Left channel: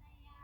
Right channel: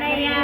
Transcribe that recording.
cái này